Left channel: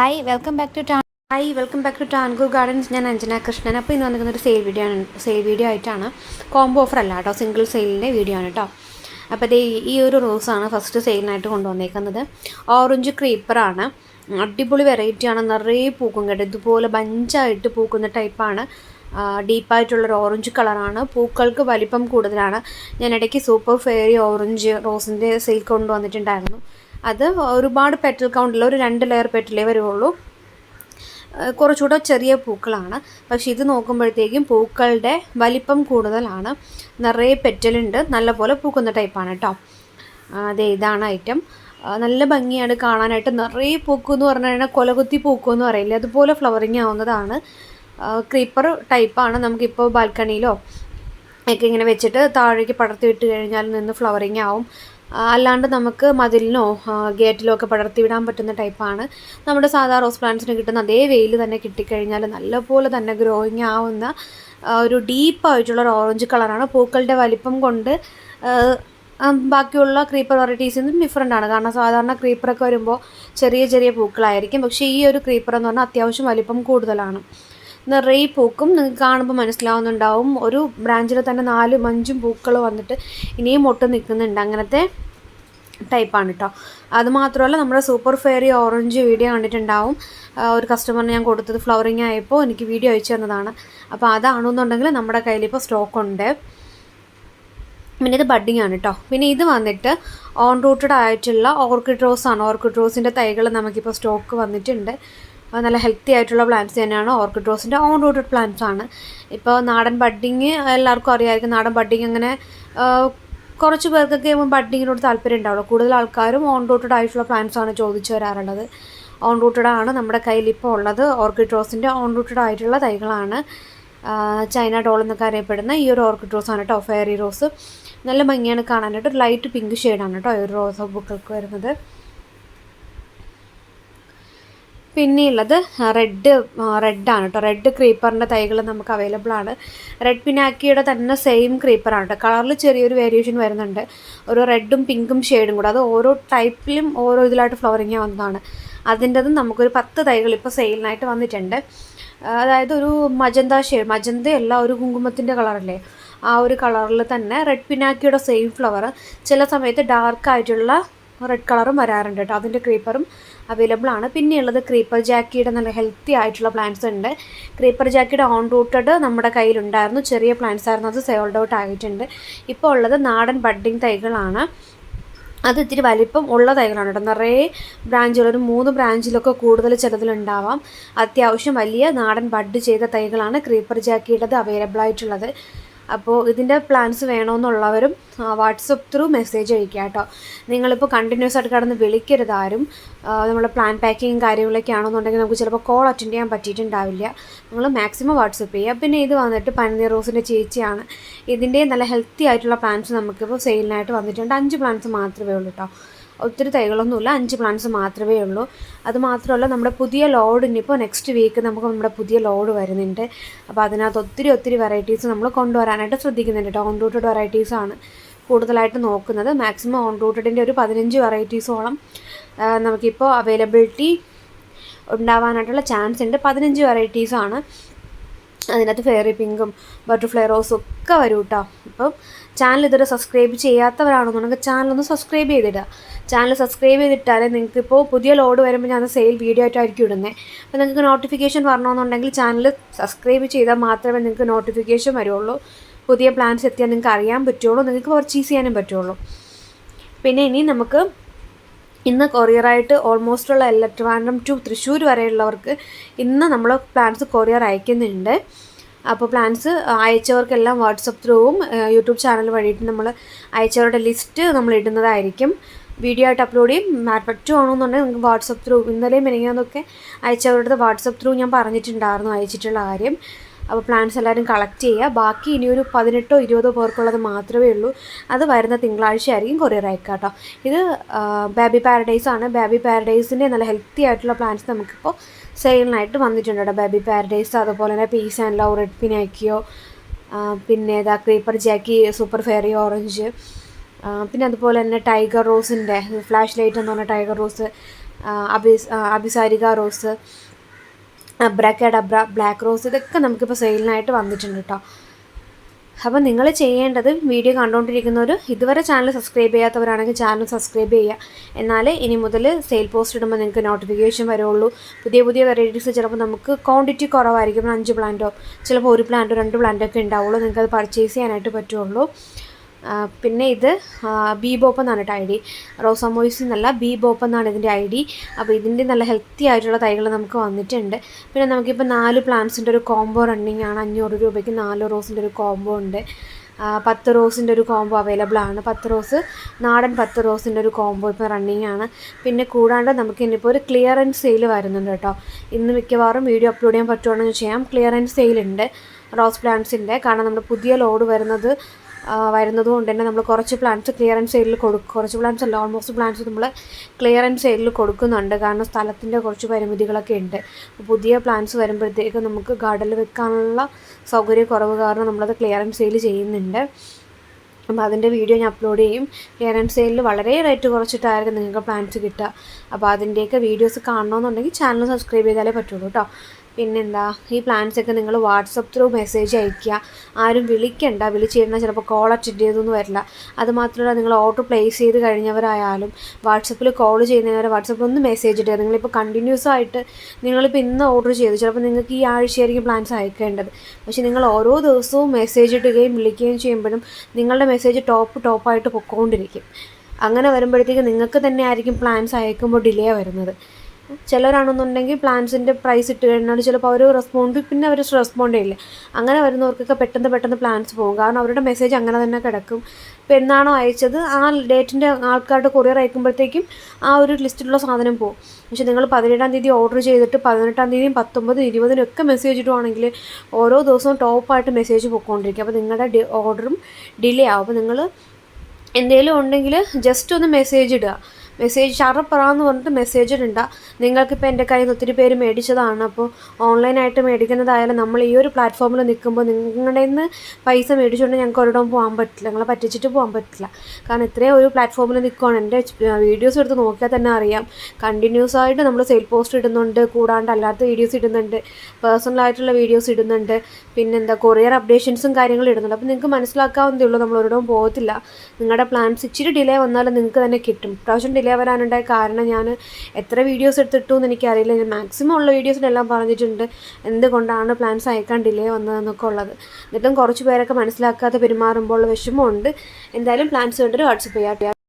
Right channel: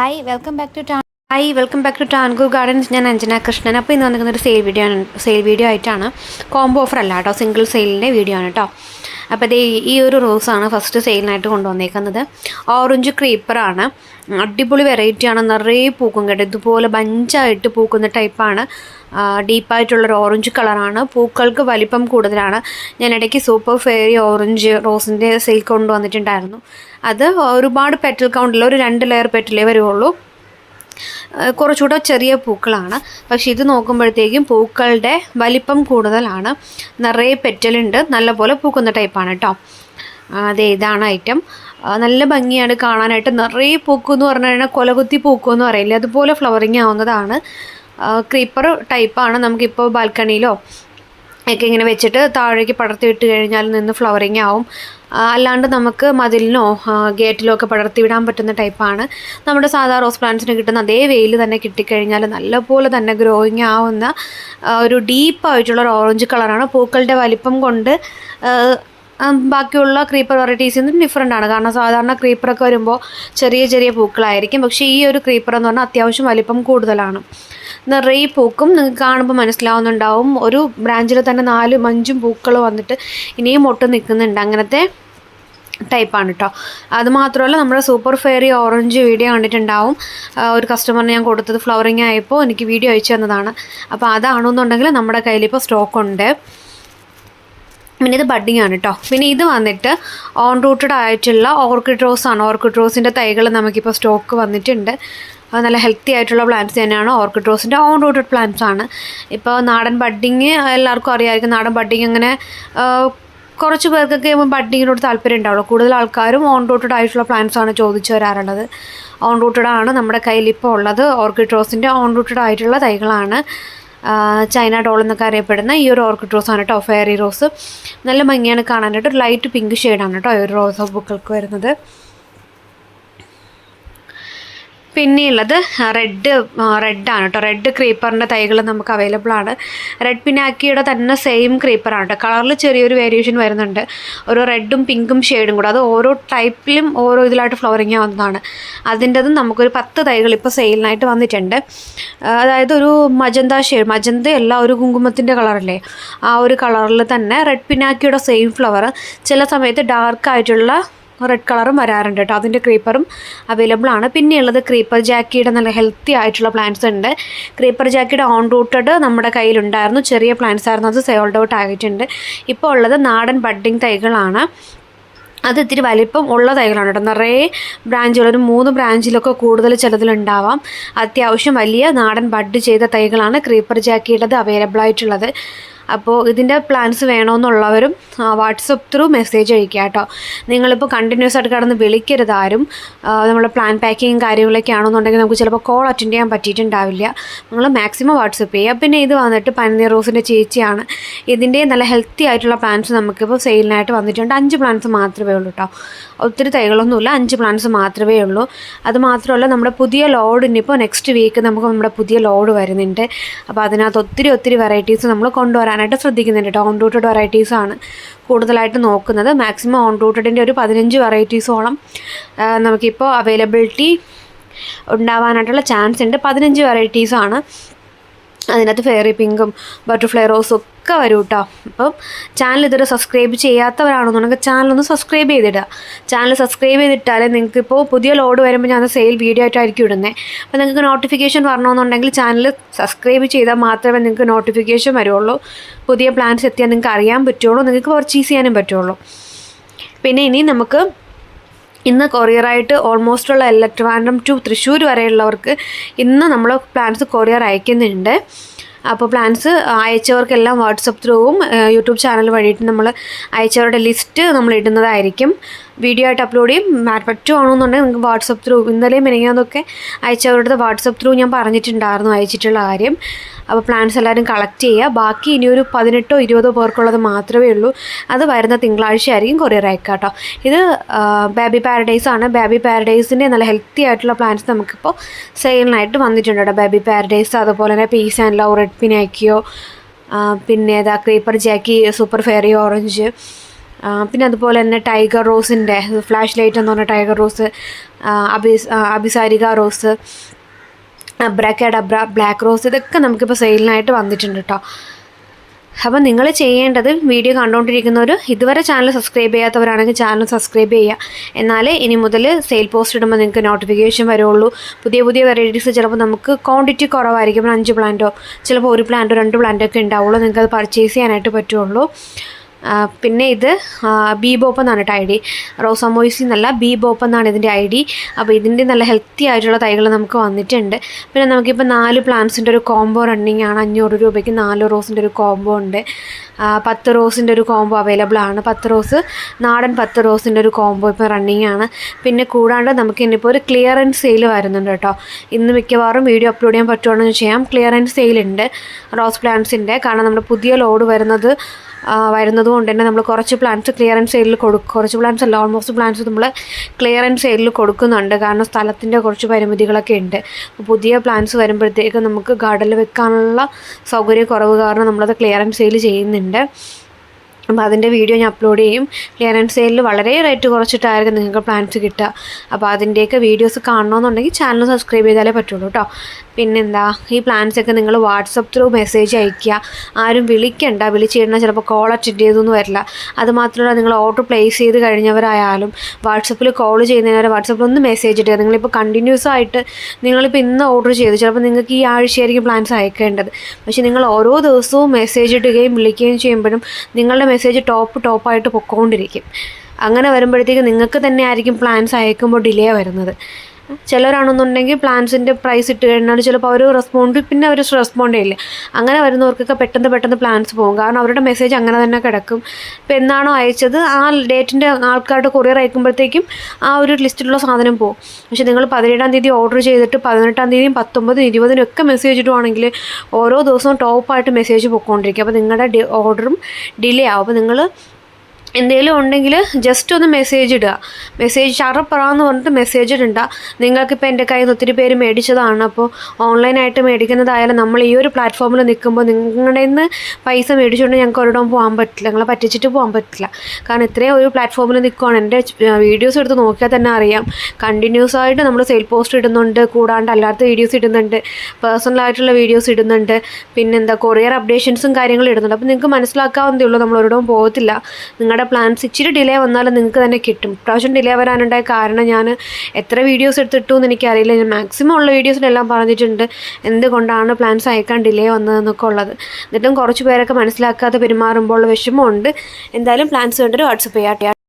Welcome back to Tangoor gardens. ഞാൻ അഞ്ജന കൃഷ്ണൻ. അപ്പോൾ ഇന്ന് വന്നിരിക്കുന്ന ഒരു സെയിൽ വീഡിയോ ആയിട്ടാണ്. കോംബോ ഓഫർ അല്ല കേട്ടോ, സിംഗിൾ സെയിലിൻ്റെ വീഡിയോ ആണ് കേട്ടോ. അപ്പോൾ ഇത് ഈ ഒരു റോസാണ് ഫസ്റ്റ് സെയിലിനായിട്ട് കൊണ്ടുവന്നേക്കുന്നത്. ഓറഞ്ച് ക്രീപ്പറാണ്, അടിപൊളി വെറൈറ്റിയാണ്. നിറയെ പൂക്കും കേട്ടോ, ഇതുപോലെ ബഞ്ചായിട്ട് പൂക്കുന്ന ടൈപ്പാണ്. ഡീപ്പായിട്ടുള്ളൊരു ഓറഞ്ച് കളറാണ്. പൂക്കൾക്ക് വലിപ്പം കൂടുതലാണ്. ഞാൻ ഇടയ്ക്ക് സൂപ്പർ ഫെയറി ഓറഞ്ച് റോസിൻ്റെ സെയിൽ കൊണ്ടുവന്നിട്ടുണ്ടായിരുന്നു. അത് ഒരുപാട് പെറ്റൽ കൗണ്ടില്ല, ഒരു 2 ലെയർ പെറ്റലേ വരുള്ളൂ. കുറച്ചുകൂടെ ചെറിയ പൂക്കളാണ്. പക്ഷേ ഇത് നോക്കുമ്പോഴത്തേക്കും പൂക്കളുടെ വലിപ്പം കൂടുതലാണ്, നിറയെ പെറ്റലുണ്ട്, നല്ലപോലെ പൂക്കുന്ന ടൈപ്പാണ് കേട്ടോ. അതെ, ഇതാണ് ഐറ്റം. നല്ല ഭംഗിയാണ് കാണാനായിട്ട്. നിറയെ പൂക്കുമെന്ന് പറഞ്ഞു കഴിഞ്ഞാൽ കൊലകുത്തി പൂക്കുമെന്ന് പറയില്ല, അതുപോലെ ഫ്ലവറിങ് ആവുന്നതാണ്. ക്രീപ്പർ ടൈപ്പാണ്. നമുക്കിപ്പോൾ ബാൽക്കണിയിലോ ഒക്കെ ഇങ്ങനെ വെച്ചിട്ട് താഴേക്ക് പടർത്തി വിട്ട് കഴിഞ്ഞാൽ നിന്ന് ഫ്ലവറിങ് ആവും. അല്ലാണ്ട് നമുക്ക് മതിലിനോ ഗേറ്റിലോ ഒക്കെ പടർത്തി വിടാൻ പറ്റുന്ന ടൈപ്പാണ്. നമ്മുടെ സാധാ റോസ് പ്ലാന്റ്സിന് കിട്ടുന്ന അതേ വെയിൽ തന്നെ കിട്ടിക്കഴിഞ്ഞാൽ നല്ലപോലെ തന്നെ ഗ്രോയിങ് ആവുന്ന ഒരു ഡീപ്പായിട്ടുള്ളൊരു ഓറഞ്ച് കളറാണ്. പൂക്കളുടെ വലിപ്പം കൊണ്ട് ബാക്കിയുള്ള ക്രീപ്പർ വെറൈറ്റീസിൽ നിന്നും ഡിഫറെൻ്റ് ആണ്. കാരണം സാധാരണ ക്രീപ്പറൊക്കെ വരുമ്പോൾ ചെറിയ ചെറിയ പൂക്കളായിരിക്കും. പക്ഷേ ഈ ഒരു ക്രീപ്പർ എന്ന് പറഞ്ഞാൽ അത്യാവശ്യം വലിപ്പം കൂടുതലാണ്. നിറയെ പൂക്കും. നിങ്ങൾക്ക് കാണുമ്പോൾ മനസ്സിലാവുന്നുണ്ടാവും, ഒരു ബ്രാഞ്ചിൽ തന്നെ 4-5 പൂക്കൾ വന്നിട്ട് ഇനിയും ഒട്ട് നിൽക്കുന്നുണ്ട്. അങ്ങനത്തെ ടൈപ്പാണ് കേട്ടോ. അതുമാത്രമല്ല, നമ്മുടെ സൂപ്പർ ഫെയറി ഓറഞ്ച് വീഡിയോ കണ്ടിട്ടുണ്ടാവും. ഒരു കസ്റ്റമറിന് ഞാൻ കൊടുത്തത് ഫ്ലവറിങ് ആയപ്പോൾ എനിക്ക് വീഡിയോ അയച്ചു തന്നതാണ്. അപ്പോൾ അതാണെന്നുണ്ടെങ്കിൽ നമ്മുടെ കയ്യിലിപ്പോൾ സ്റ്റോക്കുണ്ട്. പിന്നെ ഇത് ബഡ്ഡിങ് ആണ് കേട്ടോ. പിന്നെ ഇത് വന്നിട്ട് ഓൺ റൂട്ടഡ് ആയിട്ടുള്ള ഓർക്കിഡ് റോസാണ്. ഓർക്കിഡ് റോസിൻ്റെ തൈകൾ നമുക്കിപ്പോൾ സ്റ്റോക്ക് വന്നിട്ടുണ്ട്. നല്ല ഹെൽത്തി ആയിട്ടുള്ള പ്ലാന്റ്സ് തന്നെയാണ്. ഓർക്കിഡ് റോസിൻ്റെ ഓൺ റൂട്ടഡ് പ്ലാന്റ്സ് ആണ്. ഇപ്പോൾ നാടൻ ബഡ്ഡിങ് എല്ലാവർക്കും അറിയാമായിരിക്കും. നാടൻ ബഡ്ഡിങ് അങ്ങനെ കുറച്ച് പേർക്കൊക്കെ ബഡ്ഡിങ്ങിനോട് താല്പര്യം ഉണ്ടാവുള്ളൂ. കൂടുതൽ ആൾക്കാരും ഓൺ റൂട്ടഡ് ആയിട്ടുള്ള പ്ലാന്റ്സ് ആണ് ചോദിച്ചു വരാറുള്ളത്. ഓൺ റൂട്ടഡ് ആണ് നമ്മുടെ കയ്യിൽ ഇപ്പോൾ ഉള്ളത്. ഓർക്കിഡ് റോസിൻ്റെ ഓൺ റൂട്ടഡ് ആയിട്ടുള്ള തൈകളാണ്. ചൈന ഡോൾ എന്നൊക്കെ അറിയപ്പെടുന്ന ഈ ഒരു ഓർക്കിഡ് റോസാണ് കേട്ടോ, ഫെയറി റോസ്. നല്ല ഭംഗിയാണ് കാണാനായിട്ട്. ഒരു ലൈറ്റ് പിങ്ക് ഷെയ്ഡാണ് കേട്ടോ ഈ ഒരു റോസ് പൂക്കൾക്ക് വരുന്നത്. പിന്നെയുള്ളത് റെഡാണ് കേട്ടോ. റെഡ് ക്രീപ്പറിൻ്റെ തൈകൾ നമുക്ക് അവൈലബിൾ ആണ്. റെഡ് പിനാക്കിയുടെ തന്നെ സെയിം ക്രീപ്പറാണ് കേട്ടോ. കളറിൽ ചെറിയൊരു വേരിയേഷൻ വരുന്നുണ്ട്, ഒരു റെഡും പിങ്കും ഷെയ്ഡും കൂടെ. അത് ഓരോ ടൈപ്പിലും ഓരോ ഇതിലായിട്ട് ഫ്ലവറിങ് ആവുന്നതാണ്. അതിൻ്റെതും നമുക്കൊരു 10 തൈകൾ ഇപ്പോൾ സെയിലിനായിട്ട് വന്നിട്ടുണ്ട്. അതായത് ഒരു മജന്ത ഷെയ്ഡ്, മജന്തയല്ല, ഒരു കുങ്കുമത്തിൻ്റെ കളറല്ലേ, ആ ഒരു കളറിൽ തന്നെ റെഡ് പിനാക്കിയുടെ സെയിം ഫ്ലവർ. ചില സമയത്ത് ഡാർക്കായിട്ടുള്ള റെഡ് കളറും വരാറുണ്ട് കേട്ടോ. അതിൻ്റെ ക്രീപ്പറും അവൈലബിൾ ആണ്. പിന്നെയുള്ളത് ക്രീപ്പർ ജാക്കിയുടെ നല്ല ഹെൽത്തി ആയിട്ടുള്ള പ്ലാന്റ്സ് ഉണ്ട്. ക്രീപ്പർ ജാക്കിയുടെ ഓൺ റൂട്ടഡ് നമ്മുടെ കയ്യിലുണ്ടായിരുന്നു. ചെറിയ പ്ലാന്റ്സ് ആയിരുന്നു, അത് സോൾഡ് ഔട്ട് ആയിട്ടുണ്ട്. ഇപ്പോൾ ഉള്ളത് നാടൻ ബഡ്ഡിങ് തൈകളാണ്. അത് ഇത്തിരി വലിപ്പം ഉള്ള തൈകളാണ് കേട്ടോ. നിറയെ ബ്രാഞ്ചുകൾ, ഒരു 3 ബ്രാഞ്ചിലൊക്കെ കൂടുതൽ ചിലതിലുണ്ടാവാം. അത്യാവശ്യം വലിയ നാടൻ ബഡ് ചെയ്ത തൈകളാണ് ക്രീപ്പർ ജാക്കിയുടേത് അവൈലബിൾ ആയിട്ടുള്ളത്. അപ്പോൾ ഇതിൻ്റെ പ്ലാൻസ് വേണമെന്നുള്ളവരും വാട്സപ്പ് ത്രൂ മെസ്സേജ് അയക്കുക കേട്ടോ. നിങ്ങളിപ്പോൾ കണ്ടിന്യൂസ് ആയിട്ട് കിടന്ന് വിളിക്കരുത് ആരും. നമ്മൾ പ്ലാൻ പാക്കിങ്ങും കാര്യങ്ങളൊക്കെ ആണെന്നുണ്ടെങ്കിൽ നമുക്ക് ചിലപ്പോൾ കോൾ അറ്റൻഡ് ചെയ്യാൻ പറ്റിയിട്ടുണ്ടാവില്ല. നിങ്ങൾ മാക്സിമം വാട്സപ്പ് ചെയ്യുക. പിന്നെ ഇത് വന്നിട്ട് പനീർ റോസിൻ്റെ ചേച്ചിയാണ്. ഇതിൻ്റെ നല്ല ഹെൽത്തി ആയിട്ടുള്ള പ്ലാൻസ് നമുക്കിപ്പോൾ സെയിലിനായിട്ട് വന്നിട്ടുണ്ട്. 5 പ്ലാൻസ് മാത്രമേ ഉള്ളൂ കേട്ടോ. ഒത്തിരി തൈകളൊന്നുമില്ല, 5 പ്ലാന്റ്സ് മാത്രമേ ഉള്ളൂ. അതുമാത്രമല്ല, നമ്മുടെ പുതിയ ലോഡിനിപ്പോൾ നെക്സ്റ്റ് വീക്ക് നമുക്ക് നമ്മുടെ പുതിയ ലോഡ് വരുന്നുണ്ട്. അപ്പോൾ അതിനകത്ത് ഒത്തിരി വെറൈറ്റീസ് നമ്മൾ കൊണ്ടുവരാനായിട്ട് ശ്രദ്ധിക്കുന്നുണ്ട് കേട്ടോ. ഓൺ റൂട്ടഡ് വെറൈറ്റീസാണ് കൂടുതലായിട്ട് നോക്കുന്നത്. മാക്സിമം ഓൺ റൂട്ടഡിൻ്റെ ഒരു 15 വെറൈറ്റീസോളം നമുക്കിപ്പോൾ അവൈലബിലിറ്റി ഉണ്ടാവാനായിട്ടുള്ള ചാൻസ് ഉണ്ട്. 15 വെറൈറ്റീസാണ്. അതിനകത്ത് ഫെയറി പിങ്കും ബട്ടർഫ്ലൈ റോസും ഒക്കെ വരും കേട്ടോ. അപ്പം ചാനൽ ഇതുവരെ സബ്സ്ക്രൈബ് ചെയ്യാത്തവരാണെന്നുണ്ടെങ്കിൽ ചാനലൊന്ന് സബ്സ്ക്രൈബ് ചെയ്തിടുക. ചാനൽ സബ്സ്ക്രൈബ് ചെയ്തിട്ടാൽ നിങ്ങൾക്കിപ്പോൾ പുതിയ ലോഡ് വരുമ്പോൾ ഞാൻ സെയിൽ വീഡിയോ ആയിട്ടായിരിക്കും ഇടുന്നത്. അപ്പോൾ നിങ്ങൾക്ക് നോട്ടിഫിക്കേഷൻ വരണമെന്നുണ്ടെങ്കിൽ ചാനൽ സബ്സ്ക്രൈബ് ചെയ്താൽ മാത്രമേ നിങ്ങൾക്ക് നോട്ടിഫിക്കേഷൻ വരുള്ളൂ. പുതിയ പ്ലാൻസ് എത്തിയാൽ നിങ്ങൾക്ക് അറിയാൻ പറ്റുള്ളൂ, നിങ്ങൾക്ക് പർച്ചേസ് ചെയ്യാനും പറ്റുള്ളൂ. പിന്നെ ഇനി നമുക്ക് ഇന്ന് കൊറിയറായിട്ട് ഓൾമോസ്റ്റ് ഉള്ള എല്ലാ ട്രിവാൻഡ്രം ടു തൃശ്ശൂർ വരെയുള്ളവർക്ക് ഇന്ന് നമ്മൾ പ്ലാൻസ് കൊറിയർ അയക്കുന്നുണ്ട്. അപ്പോൾ പ്ലാൻസ് അയച്ചവർക്കെല്ലാം വാട്സപ്പ് ത്രൂവും യൂട്യൂബ് ചാനൽ വഴിയിട്ട് നമ്മൾ അയച്ചവരുടെ ലിസ്റ്റ് നമ്മൾ ഇടുന്നതായിരിക്കും. വീഡിയോ ആയിട്ട് അപ്ലോഡ് ചെയ്യും. പറ്റുവാണെന്നുണ്ടെങ്കിൽ നിങ്ങൾക്ക് വാട്സപ്പ് ത്രൂ, ഇന്നലെയും മിനിങ്ങാന്നൊക്കെ അയച്ചവരുടെ വാട്സപ്പ് ത്രൂ ഞാൻ പറഞ്ഞിട്ടുണ്ടായിരുന്നു അയച്ചിട്ടുള്ള കാര്യം. അപ്പോൾ പ്ലാൻസ് എല്ലാവരും കളക്ട് ചെയ്യുക. ബാക്കി ഇനിയൊരു 18-20 പേർക്കുള്ളത് മാത്രമേ ഉള്ളൂ. അത് വരുന്ന തിങ്കളാഴ്ച ആയിരിക്കും കൊറിയർ അയക്കുക കേട്ടോ. ഇത് ബേബി പാരഡൈസ് ആണ്. ബേബി പാരഡൈസിൻ്റെ നല്ല ഹെൽത്തി ആയിട്ടുള്ള പ്ലാന്റ്സ് നമുക്കിപ്പോൾ സെയിലിനായിട്ട് വന്നിട്ടുണ്ട് കേട്ടോ. ബേബി പാരഡൈസ്, അതുപോലെ തന്നെ peace and love red Pinocchio, പിന്നെ ഏതാ creeper jackie super fairy orange, പിന്നെ അതുപോലെ തന്നെ ടൈഗർ റോസിൻ്റെ ഫ്ലാഷ് ലൈറ്റ് എന്ന് പറഞ്ഞ ടൈഗർ റോസ്, അഭിസാരിക റോസ്, അബ്രാക്കഡബ്ര, ബ്ലാക്ക് റോസ്, ഇതൊക്കെ നമുക്കിപ്പോൾ സെയിലിനായിട്ട് വന്നിട്ടുണ്ട് കേട്ടോ. അപ്പോൾ നിങ്ങൾ ചെയ്യേണ്ടത്, വീഡിയോ കണ്ടുകൊണ്ടിരിക്കുന്നവർ ഇതുവരെ ചാനൽ സബ്സ്ക്രൈബ് ചെയ്യാത്തവരാണെങ്കിൽ ചാനൽ സബ്സ്ക്രൈബ് ചെയ്യുക. എന്നാലേ ഇനി മുതൽ സെയിൽ പോസ്റ്റ് ഇടുമ്പോൾ നിങ്ങൾക്ക് നോട്ടിഫിക്കേഷൻ വരുള്ളൂ. പുതിയ പുതിയ വെറൈറ്റീസ് ചിലപ്പോൾ നമുക്ക് ക്വാണ്ടിറ്റി കുറവായിരിക്കും, 5 പ്ലാന്റോ ചിലപ്പോൾ 1 പ്ലാന്റോ 2 പ്ലാന്റോ ഒക്കെ ഉണ്ടാവുള്ളൂ, നിങ്ങൾക്കത് പർച്ചേസ് ചെയ്യാനായിട്ട് പറ്റുള്ളൂ. പിന്നെ ഇത് ബി ബോപ്പ് എന്നാണ് കേട്ടോ ID. റോസാമോയിസി എന്നല്ല, ബി ബോപ്പ് എന്നാണ് ഇതിൻ്റെ ID. അപ്പോൾ ഇതിൻ്റെ നല്ല ഹെൽത്തി ആയിട്ടുള്ള തൈകൾ നമുക്ക് വന്നിട്ടുണ്ട്. പിന്നെ നമുക്കിപ്പോൾ 4 പ്ലാന്റ്സിൻ്റെ ഒരു കോംബോ റണ്ണിങ് ആണ്. 500 രൂപയ്ക്ക് 4 റോസിൻ്റെ ഒരു കോംബോ ഉണ്ട്. 10 റോസിൻ്റെ ഒരു കോംബോ അവൈലബിൾ ആണ്. 10 റോസ്, നാടൻ 10 റോസിൻ്റെ ഒരു കോംബോ ഇപ്പോൾ റണ്ണിങ് ആണ്. പിന്നെ കൂടാണ്ട് നമുക്ക് ഇന്നിപ്പോൾ ഒരു ക്ലിയറൻസ് സെയിൽ വരുന്നുണ്ട് കേട്ടോ. ഇന്ന് മിക്കവാറും വീഡിയോ അപ്ലോഡ് ചെയ്യാൻ പറ്റുവാണെന്ന് ചെയ്യാം. ക്ലിയറൻസ് സെയിലുണ്ട് റോസ് പ്ലാന്റ്സിൻ്റെ. കാരണം നമ്മുടെ പുതിയ ലോഡ് വരുന്നത് കൊണ്ട് തന്നെ നമ്മൾ കുറച്ച് പ്ലാന്റ്സ് ക്ലിയറൻസ് സെയിലിൽ കുറച്ച് പ്ലാന്റ്സ് അല്ല, ഓൾമോസ്റ്റ് പ്ലാന്റ്സ് നമ്മൾ ക്ലിയറൻസ് സെയിലിൽ കൊടുക്കുന്നുണ്ട്. കാരണം സ്ഥലത്തിൻ്റെ കുറച്ച് പരിമിതികളൊക്കെ ഉണ്ട്. പുതിയ പ്ലാന്റ്സ് വരുമ്പോഴത്തേക്ക് നമുക്ക് ഗാർഡനിൽ വെക്കാനുള്ള സൗകര്യക്കുറവ് കാരണം നമ്മളത് ക്ലിയറൻസ് സെയിൽ ചെയ്യുന്നുണ്ട്. അപ്പോൾ അതിൻ്റെ വീഡിയോ ഞാൻ അപ്ലോഡ് ചെയ്യും. ക്ലിയറൻസ് സെയിലിൽ വളരെ റേറ്റ് കുറച്ചിട്ടായിരിക്കും നിങ്ങൾക്ക് പ്ലാന്റ്സ് കിട്ടുക. അപ്പോൾ അതിൻ്റെയൊക്കെ വീഡിയോസ് കാണണമെന്നുണ്ടെങ്കിൽ ചാനൽ സബ്സ്ക്രൈബ് ചെയ്താലേ പറ്റുള്ളൂ കേട്ടോ. പിന്നെന്താ, ഈ പ്ലാൻസൊക്കെ നിങ്ങൾ വാട്സപ്പ് ത്രൂ മെസ്സേജ് അയയ്ക്കുക. ആരും വിളിക്കണ്ട. വിളിച്ച് കഴിഞ്ഞാൽ ചിലപ്പോൾ കോൾ അറ്റൻഡ് ചെയ്തൊന്നും വരില്ല. അതുമാത്രമല്ല, നിങ്ങൾ ഓർഡർ പ്ലേസ് ചെയ്ത് കഴിഞ്ഞവരായാലും വാട്സപ്പിൽ കോൾ ചെയ്യുന്നതിന് വാട്സപ്പിൽ ഒന്ന് മെസ്സേജ് ഇടുക. നിങ്ങളിപ്പോൾ കണ്ടിന്യൂസ് ആയിട്ട് നിങ്ങളിപ്പോൾ ഇന്ന് ഓർഡർ ചെയ്തു, ചിലപ്പോൾ നിങ്ങൾക്ക് ഈ ആഴ്ചയായിരിക്കും പ്ലാൻസ് അയക്കേണ്ടത്. പക്ഷേ നിങ്ങൾ ഓരോ ദിവസവും മെസ്സേജ് ഇടുകയും വിളിക്കുകയും ചെയ്യുമ്പോഴും നിങ്ങളുടെ മെസ്സേജ് ടോപ്പായിട്ട് പൊക്കോണ്ടിരിക്കും. അങ്ങനെ വരുമ്പോഴത്തേക്ക് നിങ്ങൾക്ക് തന്നെ ആയിരിക്കും പ്ലാൻസ് അയക്കുമ്പോൾ ഡിലേ വരുന്നത്. ചിലരാണെന്നുണ്ടെങ്കിൽ പ്ലാൻസിൻ്റെ പ്രൈസ് ഇട്ട് കഴിഞ്ഞാൽ ചിലപ്പോൾ അവർ പിന്നെ അവർ റെസ്പോണ്ട് ചെയ്യില്ല. അങ്ങനെ വരുന്നവർക്കൊക്കെ പെട്ടെന്ന് പ്ലാൻസ് പോകും. കാരണം അവരുടെ മെസ്സേജ് അങ്ങനെ തന്നെ കിടക്കും. ഇപ്പോൾ എന്നാണോ അയച്ചത് ആ ഡേറ്റിൻ്റെ ആൾക്കാരുടെ കൊറിയർ അയക്കുമ്പോഴത്തേക്കും ആ ഒരു ലിസ്റ്റിലുള്ള സാധനം പോകും. പക്ഷേ നിങ്ങൾ 17-ാം തീയതി ഓർഡർ ചെയ്തിട്ട് 18-ാം തീയതിയും 19-നും 20-നും ഒക്കെ മെസ്സേജ് ഇടുവാണെങ്കിൽ ഓരോ ദിവസവും ടോപ്പായിട്ട് മെസ്സേജ് പോയിക്കൊണ്ടിരിക്കും. അപ്പോൾ നിങ്ങളുടെ ഓർഡറും ഡിലേ ആവും. അപ്പോൾ നിങ്ങൾ എന്തെങ്കിലും ഉണ്ടെങ്കിൽ ജസ്റ്റ് ഒന്ന് മെസ്സേജ് ഇടുക. മെസ്സേജ് ഷറപ്പറാന്ന് പറഞ്ഞിട്ട് മെസ്സേജ് ഇടണ്ട. നിങ്ങൾക്കിപ്പോൾ എൻ്റെ കയ്യിൽ നിന്ന് ഒത്തിരി പേര് മേടിച്ചതാണ്. അപ്പോൾ ഓൺലൈനായിട്ട് മേടിക്കുന്നതായാലും നമ്മൾ ഈ ഒരു പ്ലാറ്റ്ഫോമിൽ നിൽക്കുമ്പോൾ നിങ്ങളുടെ നിന്ന് പൈസ മേടിച്ചുകൊണ്ട് ഞങ്ങൾക്ക് ഒരിടവും പോകാൻ പറ്റില്ല, നിങ്ങളെ പറ്റിച്ചിട്ട് പോകാൻ പറ്റില്ല. കാരണം ഇത്രയും ഒരു പ്ലാറ്റ്ഫോമിൽ നിൽക്കുകയാണ്. എൻ്റെ വീഡിയോസ് എടുത്ത് നോക്കിയാൽ തന്നെ അറിയാം, കണ്ടിന്യൂസ് ആയിട്ട് നമ്മൾ സെയിൽ പോസ്റ്റ് ഇടുന്നുണ്ട്, കൂടാണ്ട് അല്ലാത്ത വീഡിയോസ് ഇടുന്നുണ്ട്, പേഴ്സണലായിട്ടുള്ള വീഡിയോസ് ഇടുന്നുണ്ട്, പിന്നെന്താ കൊറിയർ അപ്ഡേഷൻസും കാര്യങ്ങളും ഇടുന്നുണ്ട്. അപ്പോൾ നിങ്ങൾക്ക് മനസ്സിലാക്കാവുന്നതേ ഉള്ളൂ, നമ്മൾ ഒരിടവും പോകത്തില്ല. നിങ്ങളുടെ പ്ലാൻസ് ഇച്ചിരി ഡിലേ വന്നാലും നിങ്ങൾക്ക് തന്നെ കിട്ടും. ഇപ്രാവശ്യം ഡിലേ വരാനുണ്ടായ കാരണം ഞാൻ എത്ര വീഡിയോസ് എടുത്തിട്ടു എന്ന് എനിക്കറിയില്ല. ഞാൻ മാക്സിമം ഉള്ള വീഡിയോസിലെല്ലാം പറഞ്ഞിട്ടുണ്ട് എന്തുകൊണ്ടാണ് പ്ലാൻസ് അയക്കാൻ ഡിലേ വന്നതെന്നൊക്കെ ഉള്ളത്. എന്നിട്ടും കുറച്ച് പേരൊക്കെ മനസ്സിലാക്കാതെ പെരുമാറുമ്പോൾ വിഷമമുണ്ട്. എന്തായാലും പ്ലാൻസ് വേണ്ടൊരു വാട്സപ്പ് ചെയ്യാം.